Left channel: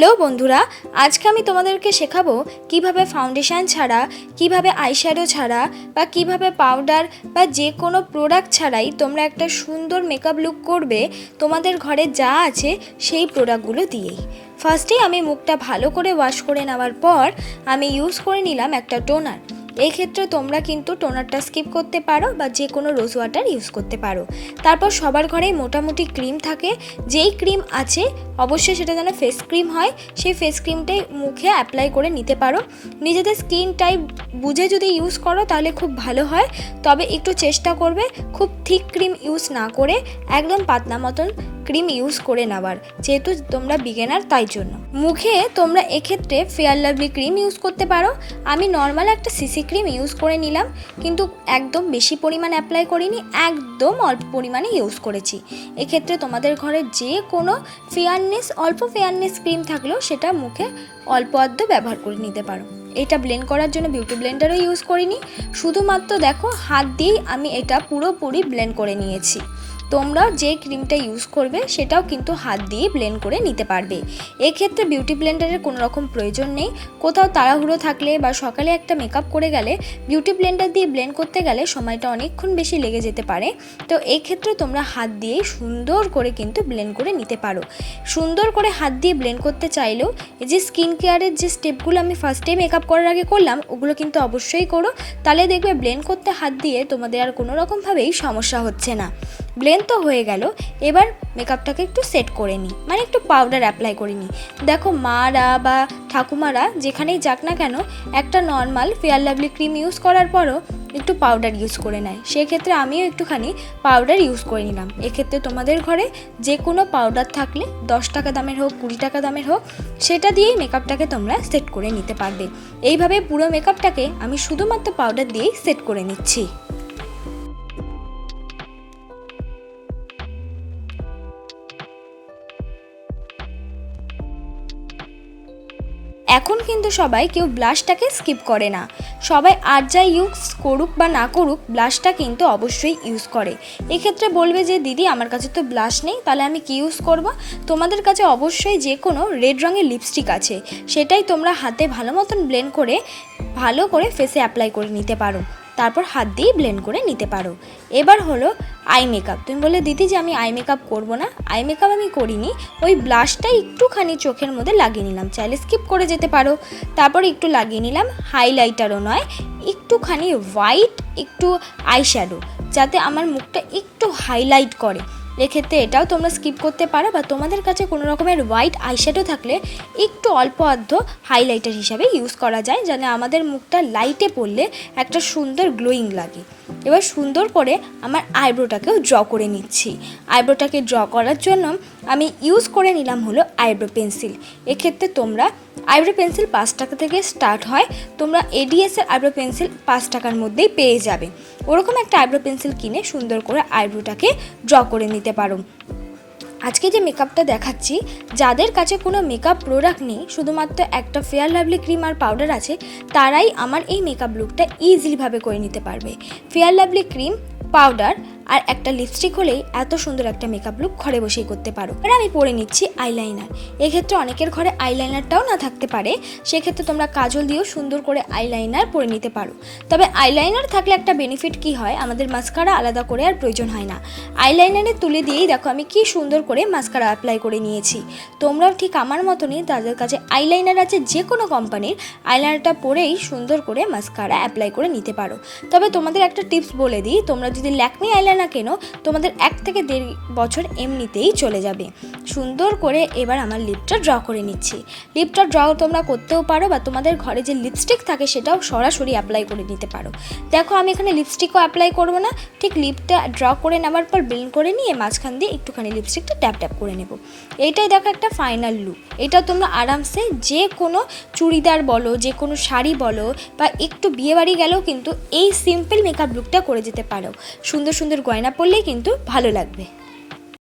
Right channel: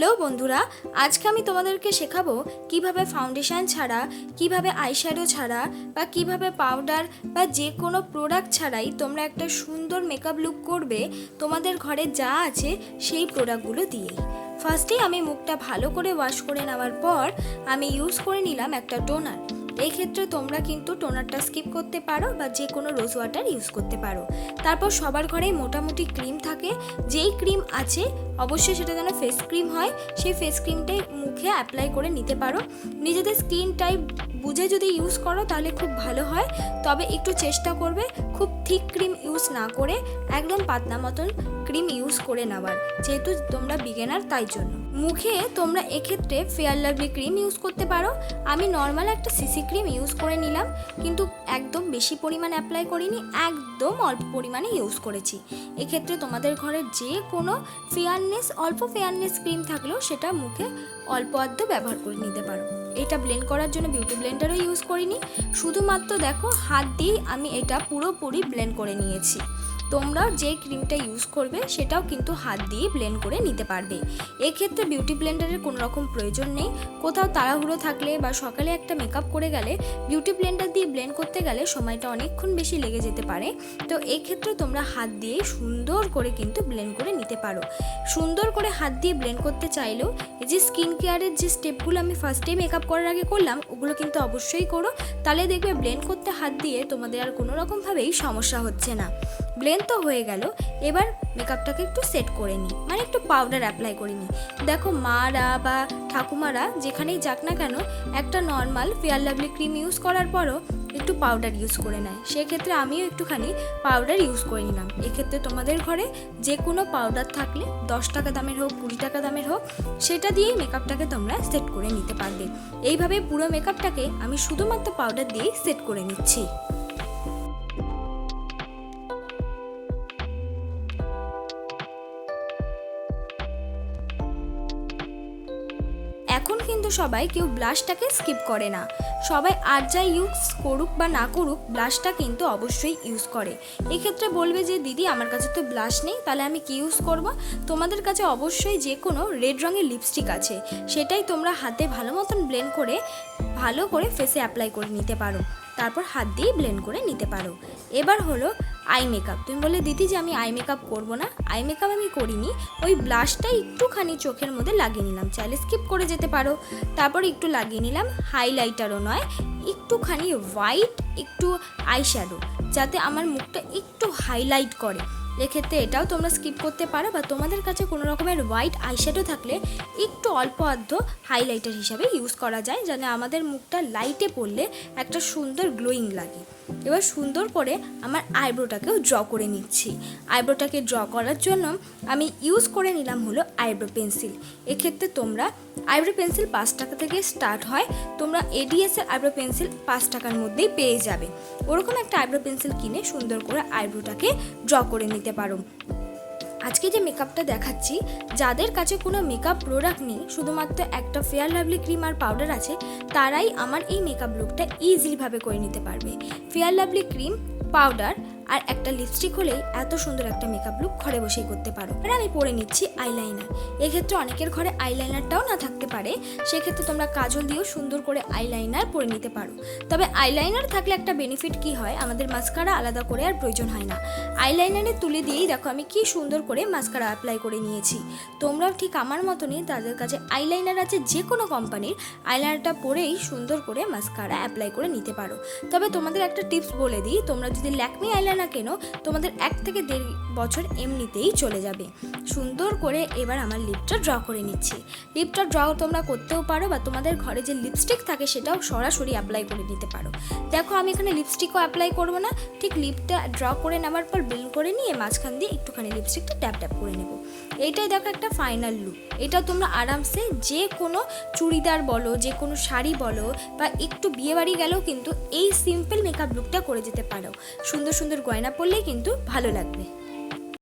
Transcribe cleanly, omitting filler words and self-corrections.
Hello বন্ধুরা, আজকে আমি তোমাদেরকে শেখাবো কিভাবে ফাউন্ডেশন ছাড়া, কিভাবে আইশ্যাডো ছাড়া বা কিভাবে পাউডার বা যে কোনো প্রোডাক্ট ছাড়াই তোমরা একটা সুন্দর মেকআপ লুক করবে তোমাদের ঘরে যা আছে সেই প্রোডাক্টগুলো দিয়েই। ফার্স্টেই আমি মুখটা ভালো করে ওয়াশ করে নেওয়ার পর আমি ইউজ করে নিলাম একটা টোনার। এই ক্ষেত্রে তোমরা কিন্তু টোনারটা স্কিপ করতে পারো বা যে কোনো রোজ ওয়াটার ইউজ করতে পারো। তারপর সবার ঘরেই মোটামুটি ক্রিম থাকে, যেই ক্রিম আছে অবশ্যই সেটা যেন ফেস ক্রিম হয়, সেই ফেস ক্রিমটাই মুখে অ্যাপ্লাই করে নিতে পারো। নিজেদের স্কিন টাইপ বুঝে যদি ইউজ করো তাহলে খুব ভালো হয়, তবে একটু চেষ্টা করবে খুব থিক ক্রিম ইউজ না করে একদম পাতলা মতন ক্রিম ইউজ করে নেওয়ার, যেহেতু তোমরা বিগিনার তাই জন্য। মুখে তোমরা এক্ষেত্রে ফেয়ার লাভলি ক্রিম ইউজ করতে পারো। আমি নর্মাল একটা সিসি ক্রিম ইউজ করে নিলাম, কিন্তু একদম বেশি পরিমাণ অ্যাপ্লাই করিনি, একদম অল্প পরিমাণে ইউজ করেছি। এক্ষেত্রে তোমাদের ঘরে যে কোনো অল্প ফেয়ারনেস ক্রিম থাকলেও সেটা মুখে অল্প আধটু ব্যবহার করে নিতে পারো। এটা ব্লেন্ড করার জন্য বিউটি ব্লেন্ডারও ইউজ করিনি, শুধুমাত্র দেখো হাত দিয়েই আমি এটা পুরোপুরি ব্লেন্ড করে নিয়েছি। তোমরা যে ক্রিমটা ইউজ করবে সেটাও কিন্তু হাত দিয়ে ব্লেন্ড করে নিতে পারবে। এক্ষেত্রে বিউটি ব্লেন্ডারের কোনো রকম প্রয়োজন নেই। কোথাও তাড়াহুড়ো থাকলে বা সকালে একটা মেকআপ করে গেলে বিউটি ব্লেন্ডার দিয়ে ব্লেন্ড করতে গেলে সময়টা অনেকক্ষণ বেশি লেগে যেতে পারে। তো এই ক্ষেত্রে তোমরা হাত দিয়ে সুন্দর করে কিন্তু ব্লেন্ড করে নিতে পারো। সুন্দর করে হাত দিয়ে ব্লেন্ড করতে চাইলেও এই যে স্কিন কেয়ারের যে স্টেপগুলো আমি ফার্স্টে মেকআপ করার আগে করলাম ওগুলো কিন্তু অবশ্যই করো, তাহলে দেখবে ব্লেন্ড করতে হাত দিয়ে তোমাদের আর কোনো রকমভাবেই সমস্যা হচ্ছে না। ব্লেন্ড তো হয়ে গেল, এবার মেকআপটাকে একটু সেট করে নিই, মানে একটু পাউডার অ্যাপ্লাই করে নিই। দেখো মারা বা ঠাকুমারা যেখানেই যাক না কেন একটা normal fair lovely cream use করার পরও একটু পাউডার ইউজ করে নেয়, সেক্ষেত্রে আমিও একটুখানি পাউডার ইউজ করে নিলাম। এক্ষেত্রে তোমাদের ঘরে যে কোনো পাউডার থাকলে 10 টাকা দামের হোক 20 টাকা দামের হোক সেটা দিয়েই মেকআপটাকে তোমরা সেট করে নিতে পারবে। এইভাবে পুরো মেকআপটাকে আমি শুধুমাত্র পাউডার দিয়েই সেট করে নিচ্ছি। এখন কিন্তু সবাই কেউ ব্লাশটাকে স্কিপ করে না, সবাই আর যা ইউজ করুক বা না করুক ব্লাশটা কিন্তু অবশ্যই ইউজ করে। এক্ষেত্রে বলবে যে দিদি আমার কাছে তো ব্লাশ নেই, তাহলে আমি কি ইউজ করব? তোমাদের কাছে অবশ্যই যে কোনো রেড রঙের লিপস্টিক আছে, সেটাই তোমরা হাতে ভালো মতন ব্লেন্ড করে ভালো করে ফেসে অ্যাপ্লাই করে নিতে পারো, তারপর হাত দিয়ে ব্লেন্ড করে নিতে পারো। এবার হলো আই মেকআপ। তুমি বলে দিদি যে আমি আই মেকআপ করবো না, আই মেকআপ আমি করিনি, ওই ব্লাশটা একটুখানি চোখের মধ্যে লাগিয়ে নিলাম, চাইলে স্কিপ করে যেতে পারো। তারপর একটু লাগিয়ে নিলাম, হাইলাইটারও নয়, একটুখানি হোয়াইট একটু আইশ্যাডো, যাতে আমার মুখটা একটু হাইলাইট করে। এক্ষেত্রে এটাও তোমরা স্কিপ করতে পারো, বা তোমাদের কাছে কোনো রকমের হোয়াইট আইশ্যাডো থাকলে একটু অল্প আধ হাইলাইটার হিসাবে ইউজ করা যায়, যেন আমাদের মুখটা লাইটে পড়লে একটা সুন্দর গ্লোয়িং লাগে। এবার সুন্দর করে আমার আইব্রোটাকেও ড্র করে নিচ্ছি। আইব্রোটাকে ড্র করার জন্য আমি ইউজ করে নিলাম হলো আইব্রো পেন্সিল। এক্ষেত্রে তোমরা আইব্রো পেন্সিল 5 টাকা থেকে স্টার্ট হয়, তোমরা এডিএসের আইব্রো পেন্সিল 5 টাকার মধ্যেই পেয়ে যাবে। ওরকম একটা আইব্রো পেন্সিল কিনে সুন্দর করে আইব্রোটাকে ড্র করে নিতে পারো। আজকে যে মেকআপটা দেখাচ্ছি, যাদের কাছে কোনো মেকআপ প্রোডাক্ট নেই, শুধুমাত্র একটা ফেয়ার লাভলি ক্রিম আর পাউডার আছে, তারাই আমার এই মেকআপ লুকটা ইজিলিভাবে করে নিতে পারবে। ফেয়ার লাভলি ক্রিম, পাউডার আর একটা লিপস্টিক হলেই এত সুন্দর একটা মেকআপ লুক ঘরে বসেই করতে পারো। এবার আমি পরে নিচ্ছি আইলাইনার। এক্ষেত্রে অনেকের ঘরে আইলাইনারটাও না থাকতে পারে, সেক্ষেত্রে তোমরা কাজল দিয়েও সুন্দর করে আইলাইনার পরে নিতে পারো। তবে আইলাইনার থাকলে একটা বেনিফিট কি হয়, আমাদের মাস্কারা আলাদা করে আর প্রয়োজন হয় না। আইলাইনারে তুলে দিয়েই দেখো আমি কি সুন্দর করে মাস্কারা অ্যাপ্লাই করে নিয়েছি। তোমরাও ঠিক আমার মতনই তাদের কাছে আইলাইনার আছে যে কোনো কোম্পানির, আইলাইনারটা পরেই সুন্দর করে মাস্কারা অ্যাপ্লাই করে নিতে পারো। তবে তোমাদের একটা টিপস বলে দিই, তোমরা যদি ল্যাকমি আইলাইনার না কেন, তোমাদের 1 থেকে 1.5 বছর এমনিতেই চলে যাবে। সুন্দর করে এবার আমার লিপটা ড্র করে নিচ্ছি। লিপটা ড্র তোমরা করতেও পারো, বা তোমাদের ঘরে যে লিপস্টিক থাকে সেটাও সরাসরি অ্যাপ্লাই করে নিতে পারো। দেখো আমি এখানে লিপস্টিকও অ্যাপ্লাই করবো না, ঠিক লিপটা ড্র করে নেওয়ার পর ব্লেন্ড করে নিয়ে মাঝখান দিয়ে একটুখানি লিপস্টিকটা ট্যাপ ট্যাপ করে নেব। এইটাই দেখো একটা ফাইনাল লুক। এটা তোমরা আরামসে যে কোনো চুড়িদার বলো, যে কোনো শাড়ি বলো, বা একটু বিয়েবাড়ি গেলেও কিন্তু এই সিম্পল মেকআপ লুকটা করে যেতে পারো। সুন্দর সুন্দর গয়না পরলেই কিন্তু ভালো লাগবে।